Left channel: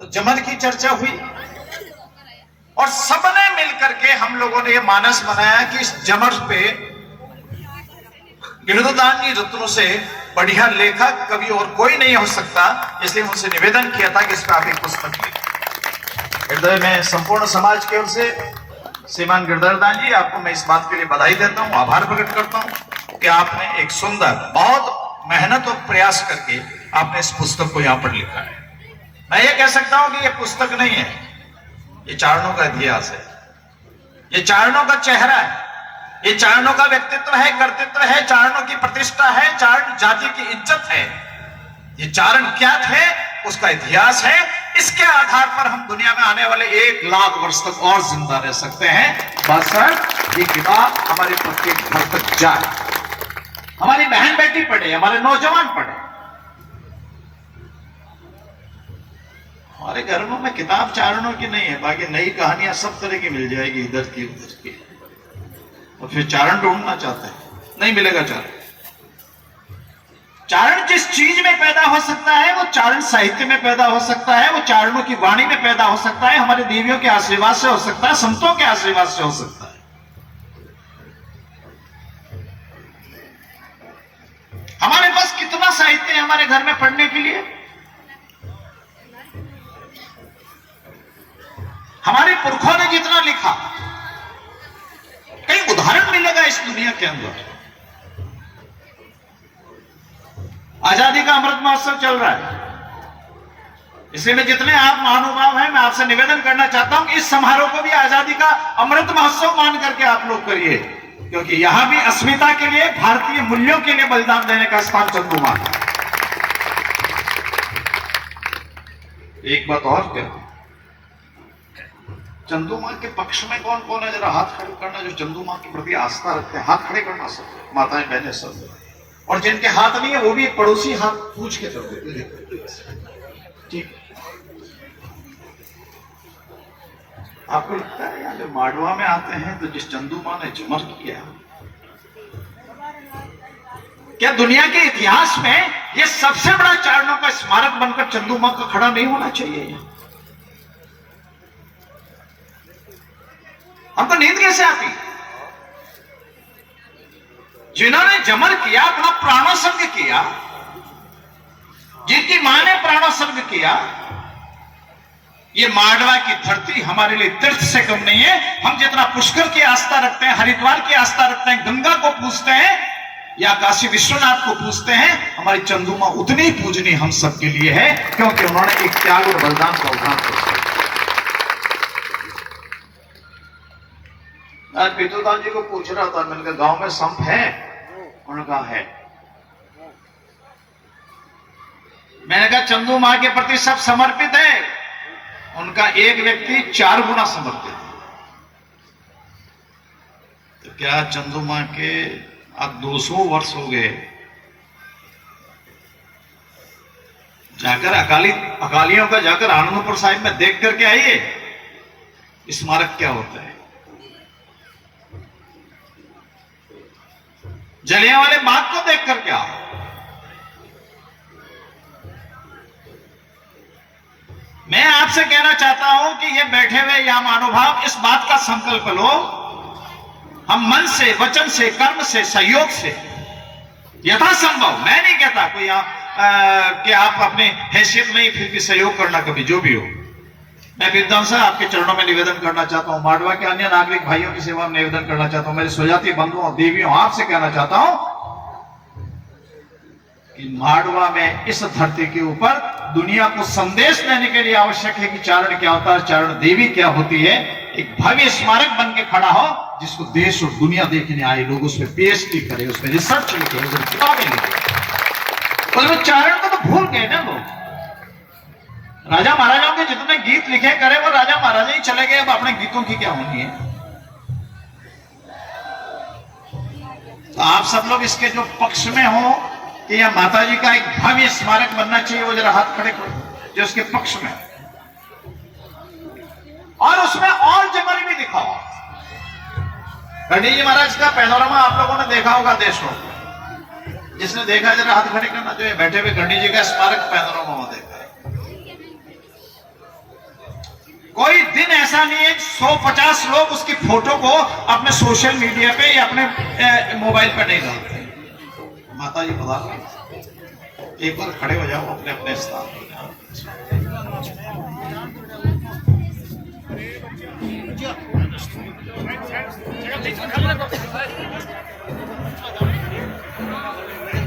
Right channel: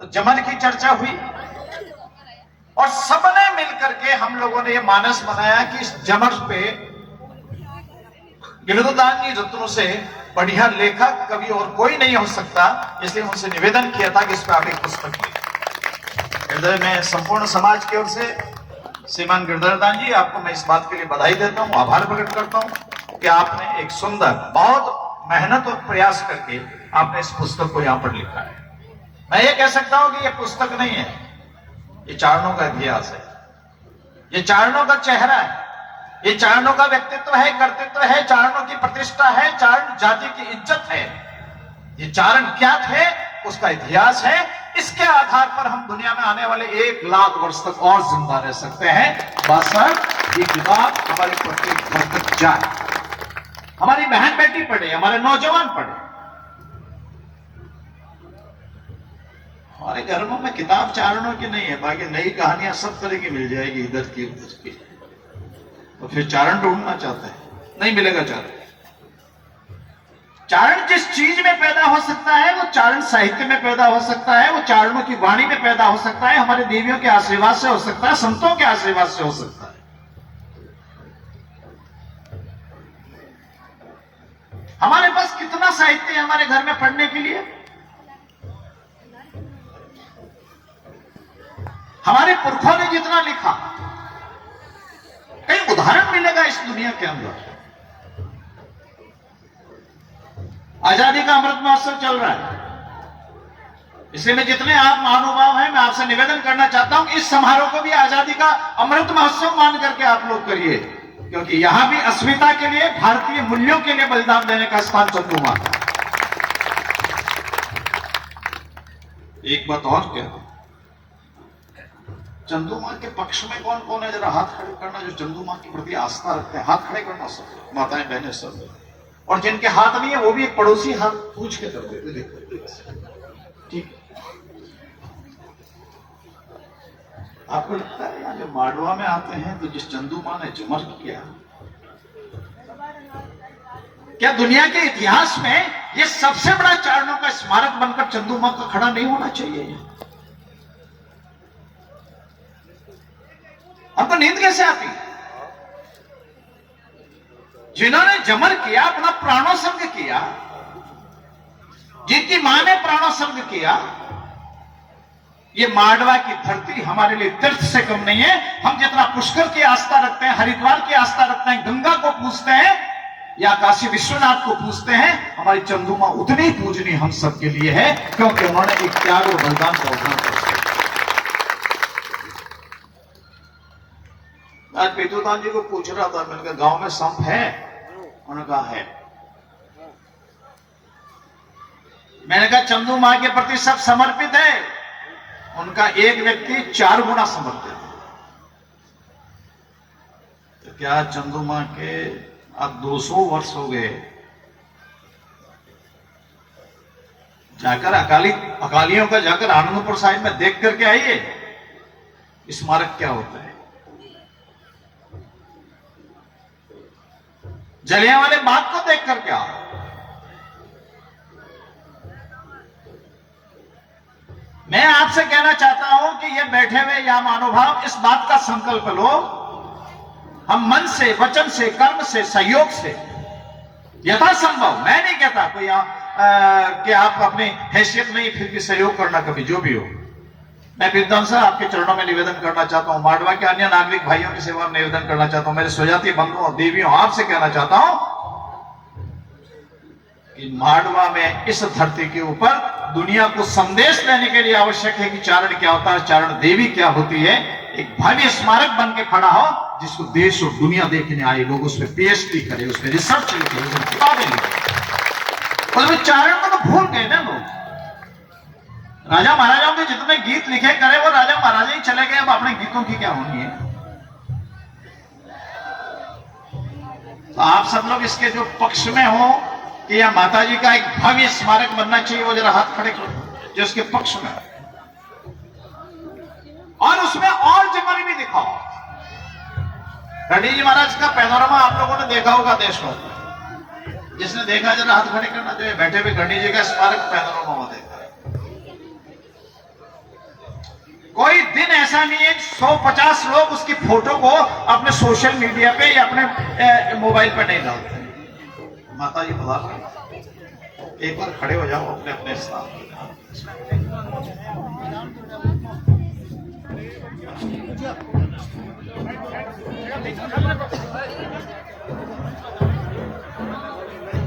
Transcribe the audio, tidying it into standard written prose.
तो जमल की चर्चा हुई और सबने मिलकर के हम लोगों ने ये मानस बनाया कि इस जमल पे गिरधोदान जी रत्नों से बढ़िया लेखक कभी और कोई नहीं हो सकता। इसलिए उनसे निवेदन किया था कि इस पर आप एक पुस्तक लिखें। हृदय में संपूर्ण समाज की ओर से श्रीमान गिरधरदान जी, आपको मैं इस बात के लिए बधाई देता हूं, आभार प्रकट करता हूं कि आपने एक सुंदर, बहुत मेहनत और प्रयास करके आपने इस पुस्तक को यहां पर लिखा है। मैं ये कह सकता हूं कि ये पुस्तक नहीं है, ये चारणों का इतिहास है, ये चारणों का चेहरा है, ये चारणों का व्यक्तित्व है, कर्तृत्व है, चारणों की प्रतिष्ठा है, चारण जाति की इज्जत है। ये चारण क्या थे, उसका इतिहास है। इसके आधार पर हम दुनिया में आने वाले 1 लाख वर्ष तक और जिंदा रह सकते हैं। बस ये किताब हमारे प्रत्येक घर तक जाए, हमारी बहन बेटी पढ़े, हमारे नौजवान पढ़े। हमारे घरों में किताब चारणों की नहीं है, बाकी नई कहानियां सब तरह की मिल जाएगी, इधर की उधर की। और फिर चारण ढूंढना चाहते हैं, नहीं मिलेगा चारण। चारण जिस चीज में पैदा हो सकता है वो चारण साहित्य में पैदा हो सकता है, वो चारणों की वाणी में पैदा हो सकता है, हमारे देवियों के आशीर्वाद से हो सकता है, संतों के आशीर्वाद से हो सकता है। हमारे पास कितना साहित्य है हमारे घर में पढ़ने के लिए। हमारे पुरखों ने जितना लिखा, कई उदाहरण मिलेगा इस दुनिया के अंदर। आजादी का अमृत महोत्सव चल रहा है, इसलिए मैं जितने आप महानुभाव हैं, मैं आपसे निवेदन करना चाहता हूं इस समारोह को भी आजादी का अमृत महोत्सव मान करके आप लोग करिए, क्योंकि यहां भी अस्मिता के लिए, भारतीय मूल्यों के लिए बलिदान देने का स्थान चंदुमा। एक बात और कहते, चंदुमा के पक्ष में कौन कौन है, जरा हाथ खड़े करना। जो चंदुमा के प्रति आस्था रखते हैं, हाथ खड़े करना सब, माताएं बहनें सब। और जिनके हाथ नहीं है वो भी पड़ोसी हाथ पूछ के कर देते। ठीक, आपको लगता है यार, जब माडवा में आते हैं तो जिस चंदुमा ने जमर किया, क्या दुनिया के इतिहास में ये सबसे बड़ा चारणों का स्मारक बनकर चंदुमा का खड़ा नहीं होना चाहिए? हमको नींद कैसे आती? जिन्होंने जमर किया, अपना प्राणोत्सर्ग किया, जिनकी मां ने प्राणोत्सर्ग किया, ये माडवा की धरती हमारे लिए तीर्थ से कम नहीं है। हम जितना पुष्कर की आस्था रखते हैं, हरिद्वार की आस्था रखते हैं, गंगा को पूजते हैं या काशी विश्वनाथ को पूजते हैं, हमारी चंदुमा उतनी पूजनीय हम सबके लिए है, क्योंकि उन्होंने एक त्याग और बलिदान का उदाहरण किया। आज गिरधोदान जी को पूछ रहा था, मैंने कहा गांव में संप है? उन्होंने कहा है। मैंने कहा चंदू मां के प्रति सब समर्पित है? उनका एक व्यक्ति 4 गुना समर्पित है। तो क्या चंदू मां के अब 200 वर्ष हो गए, जाकर अकालियों का जाकर आनंदपुर साहिब में देख करके आइए स्मारक क्या होता है। जलियांवाले बाग को देख करके आओ। मैं आपसे कहना चाहता हूं कि ये बैठे हुए या महानुभाव इस बात का संकल्प लो, हम मन से, वचन से, कर्म से, सहयोग से यथासंभव, मैं नहीं कहता कोई कि आप अपने हैसियत में ही फिर भी सहयोग करना, कभी जो भी हो। मैं विद्वान से आपके चरणों में निवेदन करना चाहता हूं, माडवा के अन्य नागरिक भाइयों की सेवा में निवेदन करना चाहता हूं, मेरे स्वजाति बंधुओं देवियों, आपसे कहना चाहता हूं कि माडवा में इस धरती के ऊपर दुनिया को संदेश देने के लिए आवश्यक है कि चारण क्या होता है, चारण देवी क्या होती है। एक भव्य स्मारक बन के खड़ा हो, जिसको देश और दुनिया देखने आए लोग उस पर पीएचडी करे, उस पर रिसर्च लिखे, उस पर किताबें लिखे। तो चारण को तो भूल गए ना लोग। राजा महाराजाओं के जितने गीत लिखे करे वो राजा महाराजा ही चले गए, अब अपने गीतों की क्या होनी है। तो आप सब लोग इसके जो पक्ष में हो कि यह माता जी का एक भव्य स्मारक बनना चाहिए, वो जरा हाथ खड़े करो जो इसके पक्ष में है। और उसमें और जमल भी दिखाओ। गंडी जी महाराज का पैनोरमा आप लोगों ने देखा होगा देश में, जिसने देखा जरा हाथ खड़े करना, जो बैठे हुए गंडी जी का स्मारक पैनोरमा देखा है। कोई दिन ऐसा नहीं है 150 लोग उसकी फोटो को अपने सोशल मीडिया पे या अपने मोबाइल पर नहीं डालते। माता जी बता, एक बार खड़े हो जाओ अपने अपने स्थान पर।